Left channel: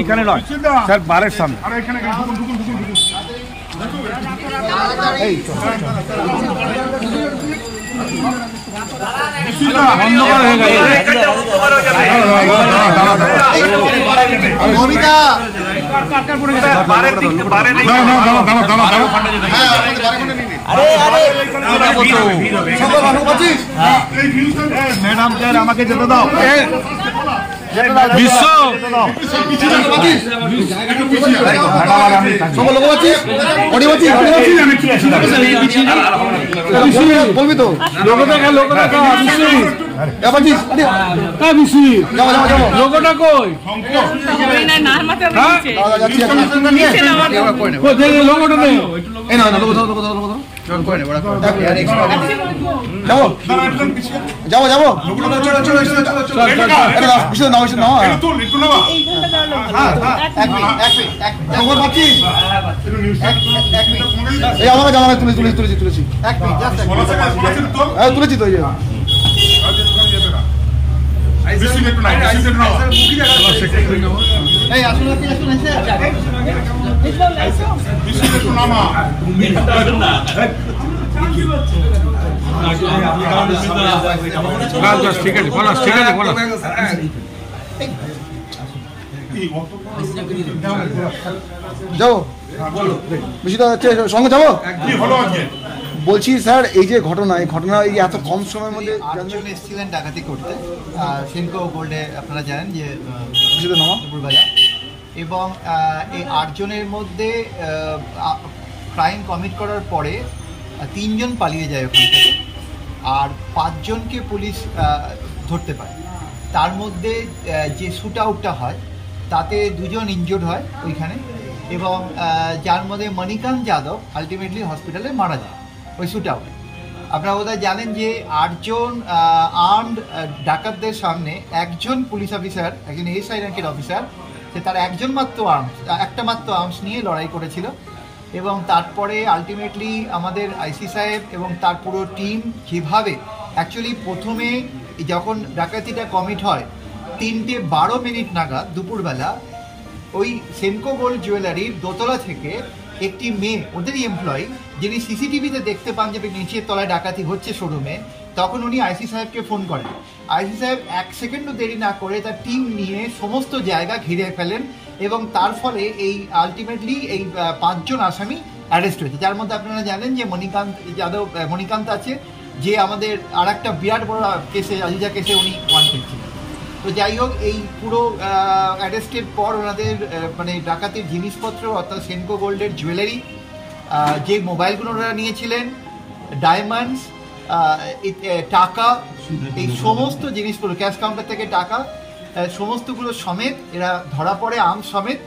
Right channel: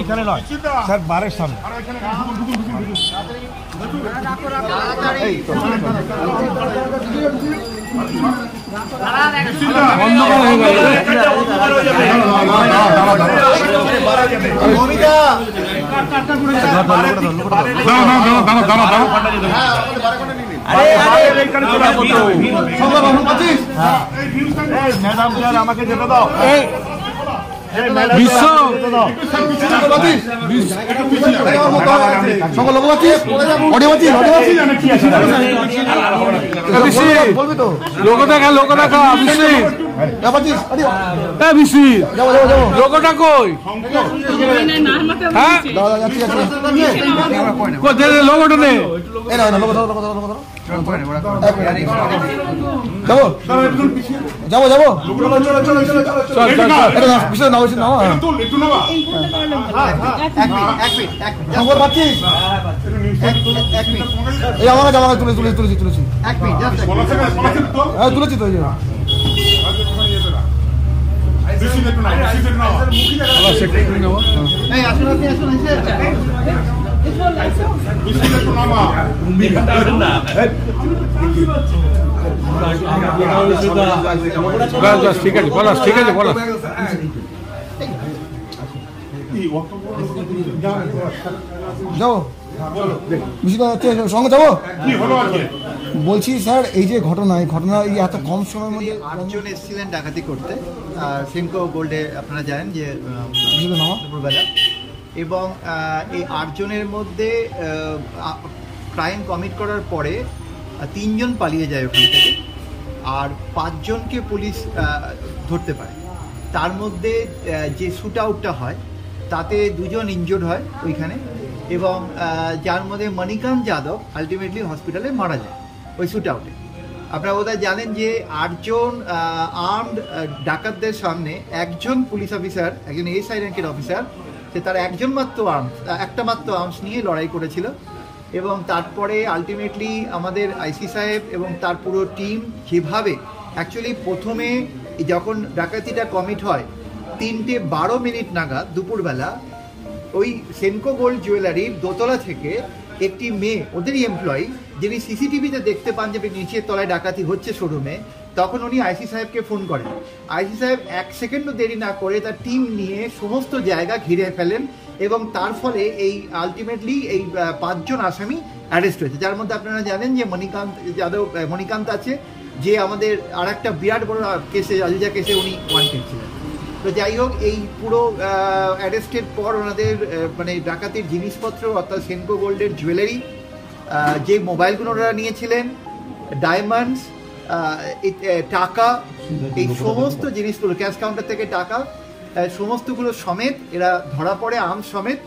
এইখানে নয় স্যার, বারের সামনে। ম্যাডাম স্যার আমাকে যেতে দাও। বিশ্ব বলবি তো লোক দেখা লোকটা কই লোকটা নেই। যাবো যাবো তুমি তুলেছি তুলেছি তো ঠিক আছে বলাস, ঠিক আছে বলাস। যাও সঙ্গে যাবো। বলছি স্যার, এই যে ঘটনা এই এত কম সময়ের মধ্যে 8 জন এসেছিলেন ডাকাতি করতে সেনকো গোল্ডে, আপনারা জানেন যে দুপুরবেলা, এবং এই 8 জনের মধ্যে ক্রাইম কমিট করার পরে 3 জন পালিয়ে যায় ওখান থেকে, আর 5 জনকে পুলিশ ধরতে পারে। তার মধ্যে যে শ্যুট আউটটা হয় তাতে 2 জন ইনজুর্ড হয় ওইখানে, এবং যার মধ্যে মণিকান্ত যাদব আলটিমেটলি হসপিটালে মারা যায় ওই শ্যুট আউটে। আপনারা বোধহয় জানেন যে 8 জন আর্মড ডাকাতদের সামনে একজন পুলিশ অফিসার, একজন এসআই র্যাঙ্কের অফিসার, সে তার একটা মাত্র আর্মস নিয়ে লড়াই করেছিল, এবং তারপরে আলটিমেটলি আমাদের আইসি সাহেব এবং তার পুরো টিম যেভাবে অ্যাকচুয়ালি প্রথমে যখন ডাকাতিটা কমিট হয় 3:12 নাগাদ দুপুরবেলা ওই সেনকো গোল্ড জুয়েলারির দোতলা থেকে একটি মেয়ে, ওদেরই এমপ্লয়ি, যিনি সিসিটিভিতে দেখতে পান যে নিচের তলায় ডাকাতি হচ্ছে শোরুমে, তখন উনি আইসি সাহেবকে ফোন করেন। আইসি সাহেব 1 সেকেন্ডও দেরি না করে তার টিম নিয়ে সমস্ত জায়গা ঘিরে ফেলেন, এবং তার ফলে এই আলটিমেটলি এই 5 জন আসামি অ্যারেস্ট হয়েছে, যার মধ্যে আপনারা জানেন যে মণিকান্ত আছে, যে আমাদের আর একটা বিরাট বড় কেসে, আজিজা কেসে উনি ওয়ান্টেড ছিলেন। তো যাই হোক, এই পুরো অ্যারেস্টের পর ওনাদের মানে ডাকাতির জিনিসপত্র অর্থাৎ সেনকো গোল্ডের জুয়েলারি, যে মোবাইলগুলো ওনারা নিয়েছিলেন, ডায়মন্ডস, টাকা, এই সমস্ত জিনিসগুলো, ক্যাশ কাউন্টার থেকে টাকা সমস্তগুলো সমেত এরা ধরা পড়ে, আর্মস সমেত,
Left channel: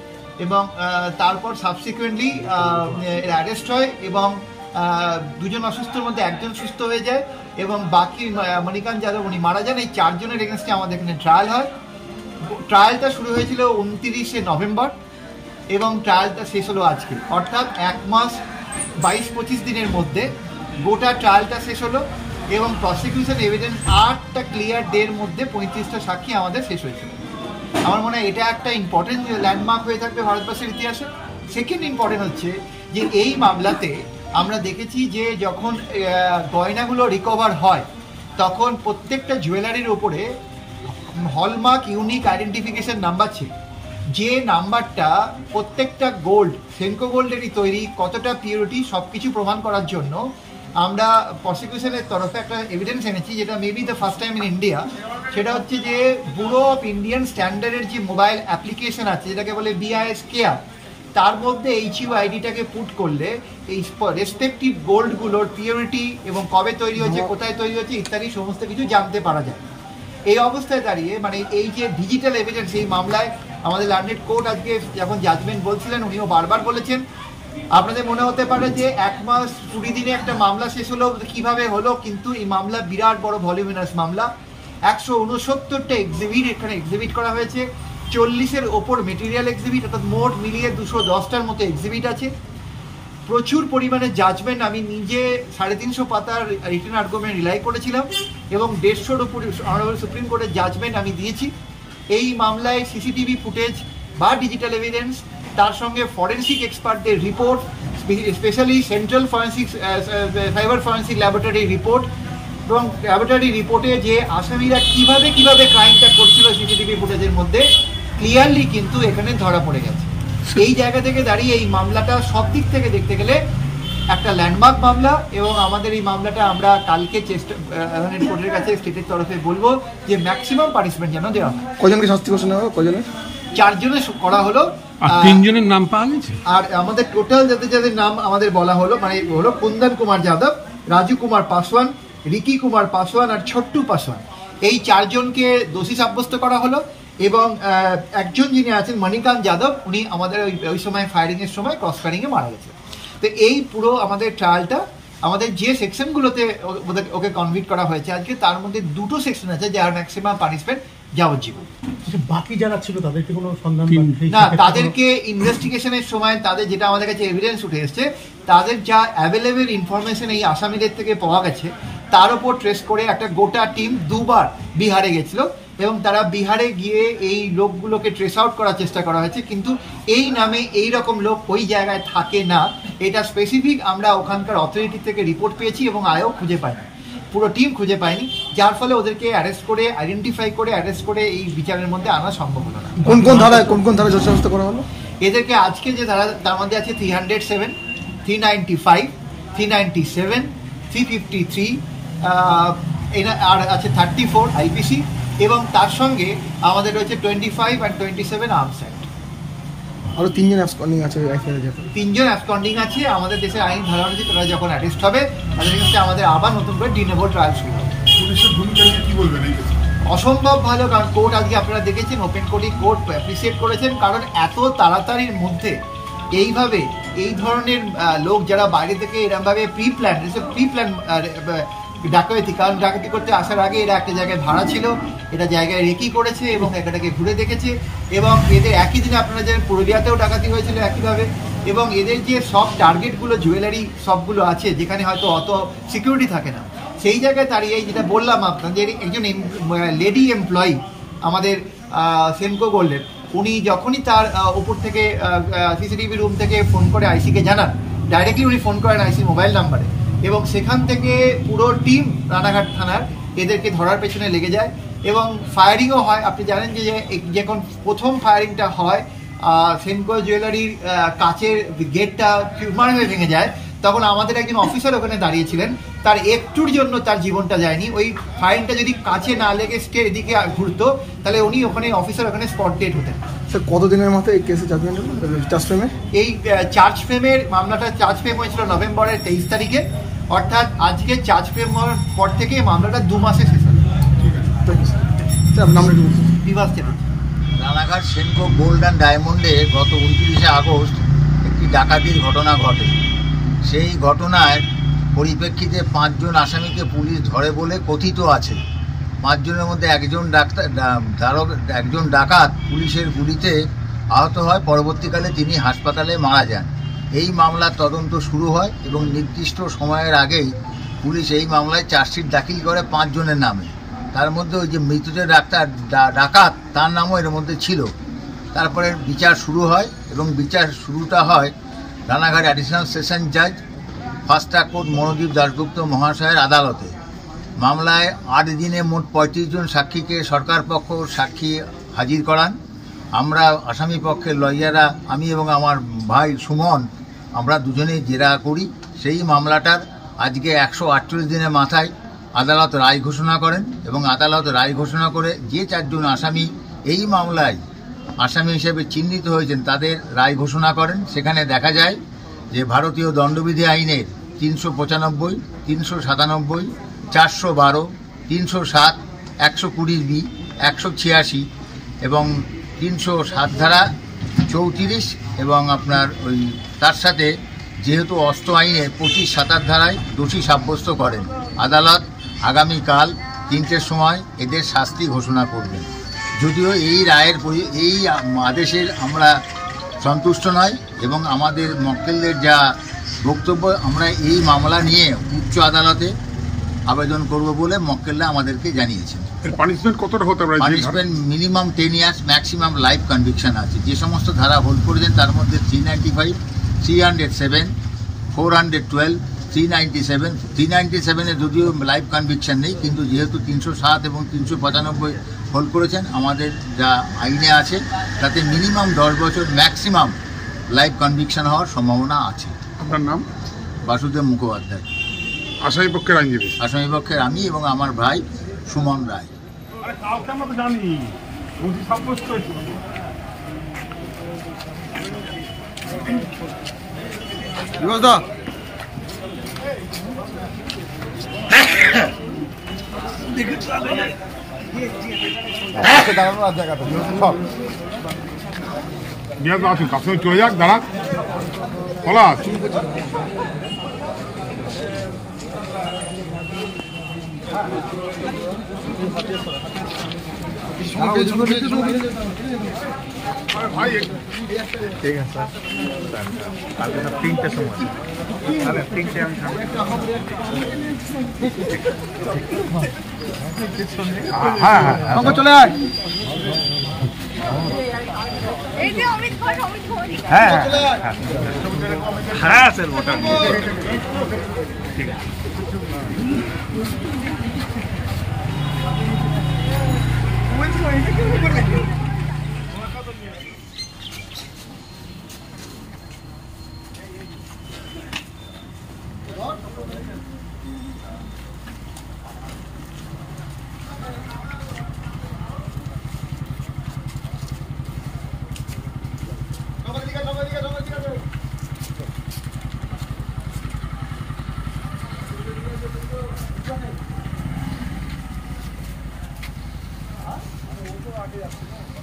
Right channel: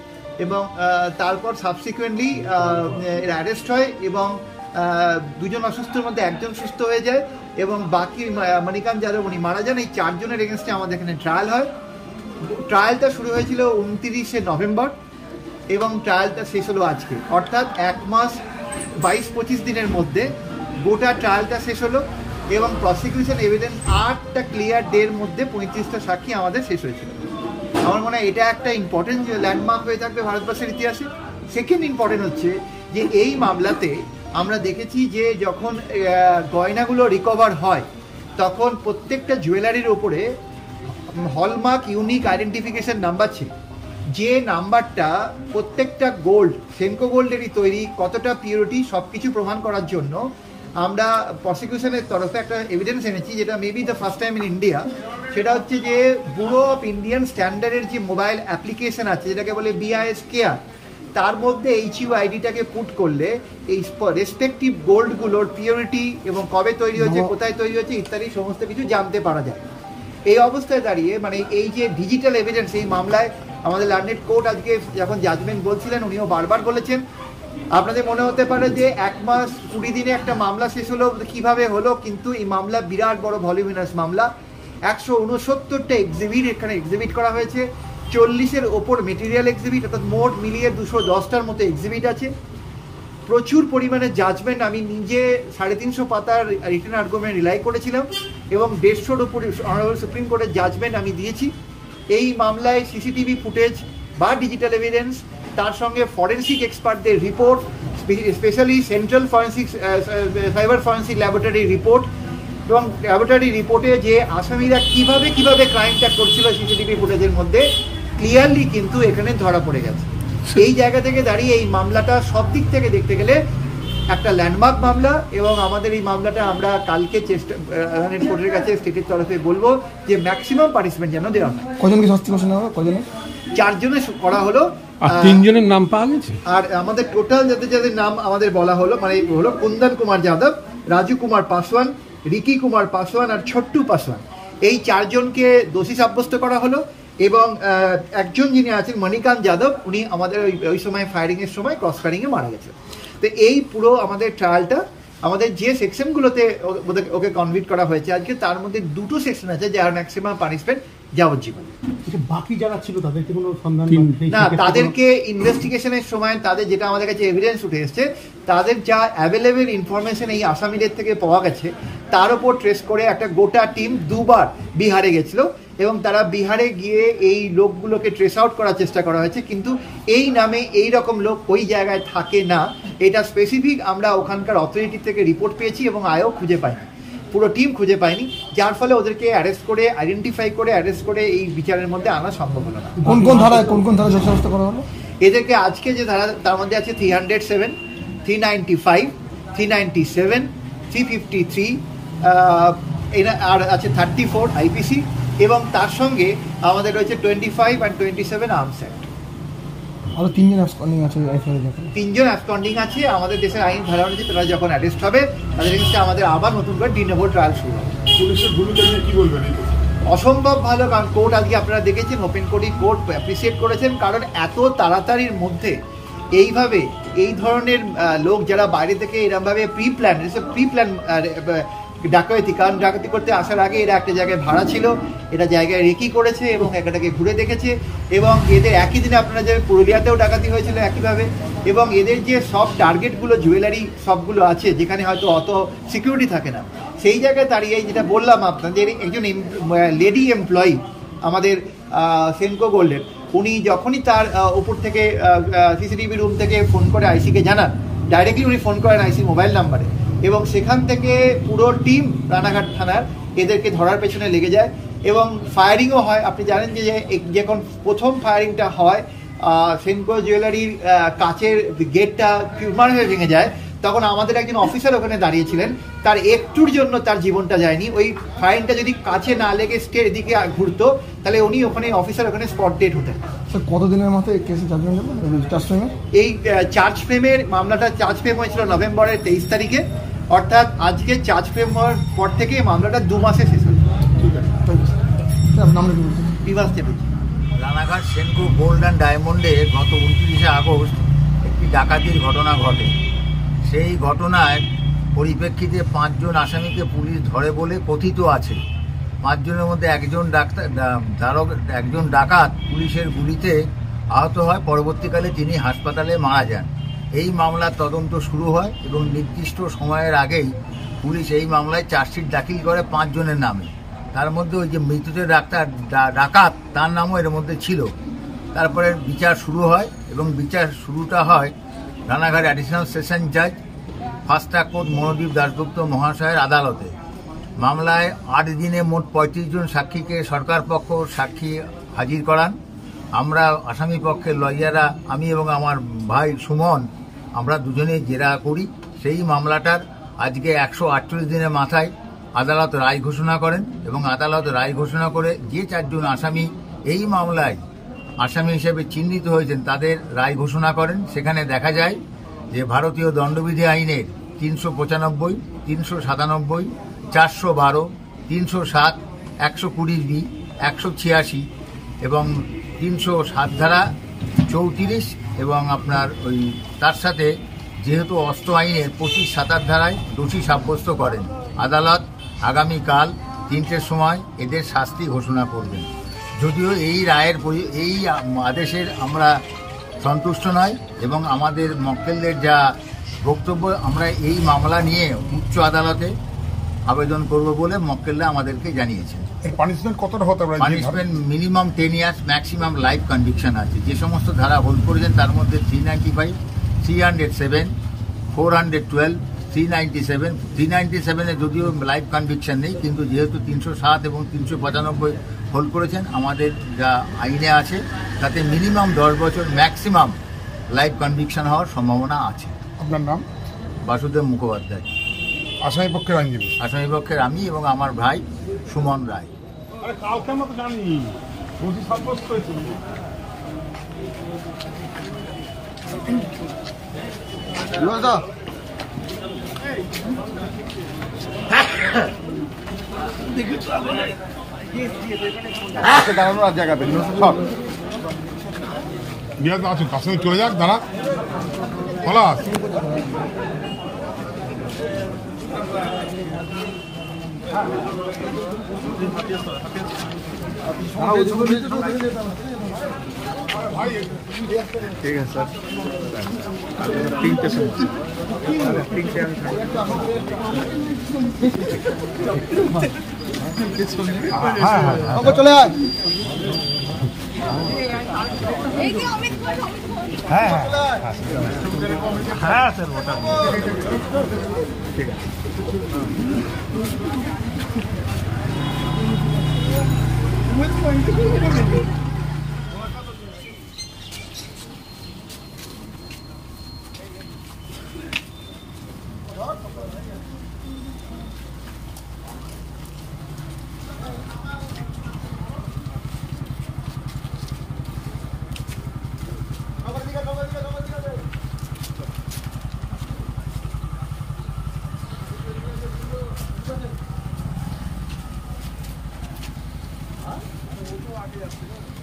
এবং তারপর সাবসিকুয়েন্টলি এরা অ্যারেস্ট হয়, এবং 2 জন অসুস্থর মধ্যে 1 জন সুস্থ হয়ে যায়, এবং বাকি মণিকান্ত যাদব উনি মারা যান। এই 4 জনের এগেনস্টে আমাদের এখানে ট্রায়াল হয়। ট্রায়ালটা শুরু হয়েছিল 29শে নভেম্বর, এবং ট্রায়ালটা শেষ হলো আজকে, অর্থাৎ 1 মাস 22-25 দিনের মধ্যে গোটা ট্রায়ালটা শেষ হলো, এবং প্রসিকিউশন এভিডেন্স 8টা ক্লিয়ার ডের মধ্যে 35টা সাক্ষী আমাদের শেষ হয়েছিল। আমার মনে হয় এটা একটা ইম্পর্টেন্ট ল্যান্ডমার্ক হয়ে থাকবে ভারতবর্ষের ইতিহাসে। সেকেন্ড ইম্পর্টেন্ট হচ্ছে যে এই মামলাতে আমরা দেখেছি যে যখন গয়নাগুলো রিকভার হয় তখন প্রত্যেকটা জুয়েলারির ওপরে হলমার্ক ইউনিক আইডেন্টিফিকেশন নাম্বার ছিল, যে নাম্বারটা প্রত্যেকটা গোল্ড, সেনকো গোল্ডেরই তৈরি, কতটা পিউরিটি সব কিছু প্রমাণ করার জন্য আমরা প্রসিকিউশনের তরফে একটা এভিডেন্স এনেছি, যেটা maybe the first time in India. সেটা হচ্ছে যে ব্যুরো অফ ইন্ডিয়ান স্ট্যান্ডার্ডের যে মোবাইল অ্যাপ্লিকেশন আছে, যেটাকে বলে BIS কেয়ার, তার মধ্যে HUID-টাকে পুট করলে এই রেসপেক্টিভ গোল্ডগুলোর পিউরিটি এবং কবে তৈরি হচ্ছে, কোথায় তৈরি হচ্ছে ইত্যাদি সমস্ত কিছু জানতে পারা যায়। এই অবস্থায় দাঁড়িয়ে মানে এই যে ডিজিটাল এভিডেন্স, এই মামলায় আমাদের লার্নেড কোর্ট আজকে যখন জাজমেন্ট বলছিলেন, উনিও বারবার বলেছেন, আপনাদের মনে হতে পারে যে 1 মাস 20 দিনে একটা মামলা শেষ হলো, কিভাবে হলো, কিন্তু এই মামলা বিরাট বড় ভলিউমিনাস মামলা। 169টা এক্সিবিট এখানে এক্সিবিট করা হয়েছে, 40-এর ওপর মেটেরিয়াল এক্সিবিট, অর্থাৎ মোট মিলিয়ে 210টার মতো এক্সিবিট আছে, প্রচুর পরিমাণে জাজমেন্ট। আমি নিজে 350 পাতার রিটেন আর্গুমেন্ট রিলাই করেছিলাম, এবং 150-র উপরে অনারেবল সুপ্রিম কোর্টের জাজমেন্ট আমি দিয়েছি। এই মামলায় সিসিটিভি ফুটেজ বা ডিজিটাল এভিডেন্স, তার সঙ্গে ফরেন্সিক এক্সপার্টদের report, specially central forensic cyber forensic laboratory report, এবং ল্যাবরেটরি রিপোর্টে যে আসামিরা কিভাবে ক্রাইমটা করছিল সিসিটিভি ফুটেজের মধ্যে ক্লিয়ারলি কিন্তু এখানে ধরা পড়ে গেছে। এই জায়গা থেকে দাঁড়িয়ে এই মামলাটা সব দিক থেকে দেখতে গেলে একটা ল্যান্ডমার্ক মামলা, এবং আমাদের এই মামলাটা আমরা কালকে কোর্টের কাছে স্টেটের তরফে বলবো যে ম্যাক্সিমাম পানিশমেন্ট যেন দেওয়া হয়। কজনকে শাস্তি ঘোষণা হবে? কজনে? 4 জনের করা হলো, আর 3 জনের নাম পাওয়া গেছে। আর আমাদের টোটাল যাদের নাম আমাদের বলা হলো মানে হলো কুন্দন কুমার যাদব, রাজু কুমার পাসওয়ান, রিকি কুমার পাসওয়ান আর ছোট্টু পাসওয়ান। এই 4 জনকে দোষী সাব্যস্ত করা হলো, এবং একজন যিনি আছেন মণিকান্ত যাদব, উনি আমাদের ওই সময় ফায়ারিং এর সময় ক্রস ফায়ারিংয়ে মারা গেছে। তো এই পুরো আমাদের ট্রায়ালটা আমাদের যে সেকশনগুলোতে ওকে কনভিক্ট করা হয়েছে আজকে, তার মধ্যে 2টো সেকশন আছে যার ম্যাক্সিমাম পানিশমেন্ট যাবজ্জীবন। বাকি যারা ছিল তাদেরকে কোনো সন্ধান না, তাদেরকে ইনভেস্টিগেশনের সময় তাদের যেটা আমাদের কাছে এভিডেন্স উঠে এসছে, তাদের যা অ্যাভেলেবেল ইনফরমেশন এই আসামিদের থেকে পাওয়া গেছে তার উপর ট্রেস করে একটা গোটা টিম 2বার বিহারে গেছিল, এবং তারা বিহারে গিয়ে এই লোকগুলোকে ট্রেস আউট করার চেষ্টা করা হয়েছে, কিন্তু এই নামে এই রকম লোক ওই জায়গায় থাকে না, এটা স্পেসিফিক আমরা ওখানকার অথরিটি থেকে রিপোর্ট পেয়েছি এবং আয়ও খুঁজে পাইনি, পুরো টিম খুঁজে পায়নি, যার ফলে ওদেরকে অ্যারেস্ট করে আইডেন্টিফাই করে অ্যারেস্ট করে এই বিচারের মধ্যে আনা সম্ভব হলো না। কোন কোন ধারায় দোষারোপ করা হলো এদেরকে? আজকে যে ধারা তার মধ্যে আছে 307, 395, 397, 353, আর আছে 34 আইপিসি, এবং তার সঙ্গে আমাদের রয়েছে 25 আর 27 আর্মস অ্যাক্ট। আরো 3 জন অ্যাবসকন্ডিং আছে। 3 জন অ্যাবসকন্ডিং আছে। আমাদের দেশের আইন ধারা অনুযায়ী তারা যখন অ্যারেস্ট হবে তাদের কাছে আমাদের আবার নতুন করে ডিনেবল ট্রায়াল শুরু হবে। পুলিশের ভূমিকা নিয়ে কি বলবেন? অসম্ভব ভালো, কারণ কোর্ট আজকে আপনারা দেখেছেন ওপেন কোর্টে কোর্ট অ্যাপ্রিসিয়েট করেছেন, কারণ এত তাড়াতাড়ির মধ্যে এইভাবে এই ধরনের লোক যারা বাইরে থেকে এরকমভাবে প্রি প্ল্যান ডাকাতি, কারণ ডাকাতি করতে আসার আগে এরা একটা জায়গায় ভাড়া ছিল, এটা জায়গায় রেকি করেছে এবং এটাকে ঘুরে দেখেছে, এবং এদের একই দিনে আপনারা যে পুরুলিয়াতেও ডাকাতি হয়েছিল একইভাবে, এবং এদের যে সব টার্গেটগুলো জুয়েলারি সবগুলো আছে যেখানে হয়তো অত সিকিউরিটি থাকে না, সেই জায়গায় দাঁড়িয়ে যেটা বললাম আপনাদের, একজন লেডি এমপ্লয়ি আমাদের সেনকো গোল্ডের, উনি যখনই তার উপর থেকে সিসিটিভি রুম থেকে ফোন করে আইসিকে জানান, ডাইরেক্টলি উনি ফোন করেন আইসি মোবাইল নাম্বারে, এবং সেখান থেকে পুরো টিম রানাঘাট থানার এদেরকে ধরার পেছনে লেগে যায়, এবং ফায়ারিংও হয়। আপনি জানেন যে যখন প্রথম ফায়ারিংটা হয় সেনকো জুয়েলারির কাচের গেটটা টিউমার হয়ে ভেঙে যায়, তখন আমাদের একজন অফিসার ওখানে দাঁড়িয়েছিলেন, তার একটুর জন্য তার জীবনটা যায়নি। ওই ফায়ারিংটা যদি কাছে না লেগে স্টের এদিকে ঘুরতো তাহলে উনি ওখানে অফিসার ওখানে স্পট ডেট হতেন। স্যার কতদিনের মাথায় এই কেসে চার্জ ফ্রেমে? এই চার্জ ফ্রেমের মামলাটা চার্জ ফ্রেম হয়েছিল নভেম্বরের 23 তারিখে, অর্থাৎ আজকে চার্জ ফ্রেম হওয়ার পর থেকে মামলাটা 2 মাসে শেষ হল। ঠিক আছে, বিভাস চ্যাটার্জি। রানাঘাট সেনকো গোল্ড অ্যান্ড ডায়মন্ডে গত 29শে আগস্ট একটি ডাকাতির ঘটনা ঘটে। সেই ঘটনার পরিপ্রেক্ষিতে 5 জন আসামিকে পুলিশ ধরে বলে কথিত আছে। 5 জনের মধ্যে একজন ডাকাত পুলিশের গুলিতে আহত হয়, পরবর্তীকালে তিনি হাসপাতালে মারা যান। এই মামলার তদন্ত শুরু হয় এবং নির্দিষ্ট সময়ের আগেই পুলিশ এই মামলায় চার্জশিট দাখিল করে 5 জনের নামে। তার মধ্যে ওই যে মৃতদের ডাকাত তার নামও এর মধ্যে ছিল। তারপরে বিচার শুরু হয় এবং বিচার শুরুটা হয় রানাঘাট অ্যাডিশনাল সেশন জাজ first track court Monodeep Dasgupta মহাশয়ের আদালতে। মামলায় 8 দিনে মোট 35 জন সাক্ষীকে সরকার পক্ষ সাক্ষী হাজির করান। আমরা আসামি পক্ষের লয়াররা, আমি এবং আমার ভাই সুমন, আমরা দুজনেই জেরা করি। সেই মামলাটার আজকে 148 দিনের মাথায় আদালত রায় ঘোষণা করেন এবং আদালত রায় ঘোষণা করে যে 4 জন আসামি এই মামলায় আসামি হিসেবে চিহ্নিত হয়েছেন তাদের রায় ঘোষণা করেন। সেখানে দেখা যায় যে ভারতীয় দণ্ডবিধি আইনের 395, 397, 412, 307, 120B, 186 এবং 307 ধারা 34 এবং আপনার ওই তার সাথে যেহেতু অস্ত্র আইনের 25-27 ধারায় দোষী সাব্যস্ত করেন। আদালত আগামীকাল 3টের সময় এদের শাস্তি ঘোষণা করবেন। যদিও এই রায়ের এই আদেশের আমরা সন্তুষ্ট নয় এবং আমাদের মক্কেলদের যা বক্তব্য, আমরা এই মামলা নিয়ে উচ্চ আদালতে আবেদন করব বলে মক্কেলরা আমাদেরকে জানিয়েছেন। পানিশমেন্ট কতটা হতে পারে? Punishment minimum 10 years, maximum life conviction আছে। যে সমস্ত ধারা হোল্ড করেছেন তার মধ্যে 395, 307, 412, 397, 397-এ যদিও লাইফ কনভিকশন নেই, কিন্তু যেহেতু 307 এবং 395 হোল্ড করেছেন, আমাদের যা আইনে আছে তাতে মিনিমাম 10 বছর, ম্যাক্সিমাম লাইফ কনভিকশন হওয়ার সম্ভাবনা আছে। আপনার নাম? বাসুদেব মুখোপাধ্যায়। আসামি পক্ষের আইনজীবী? আসামি পক্ষের আমি এবং আমার ভাই সুমন রায়। কালকে আমরা তো জানি নথি সাব্যস্ত হয়েছিল। বিয়ে তো আছেন, তার সঙ্গে চলে যাক, দাঁড়া খোলা ভাই। ঠিক আছে স্যার, 3টে সময় 3টে আমি চলে আয়। হ্যাঁ হ্যাঁ স্যার ওটা ঠিক আছে। আগে আসছে না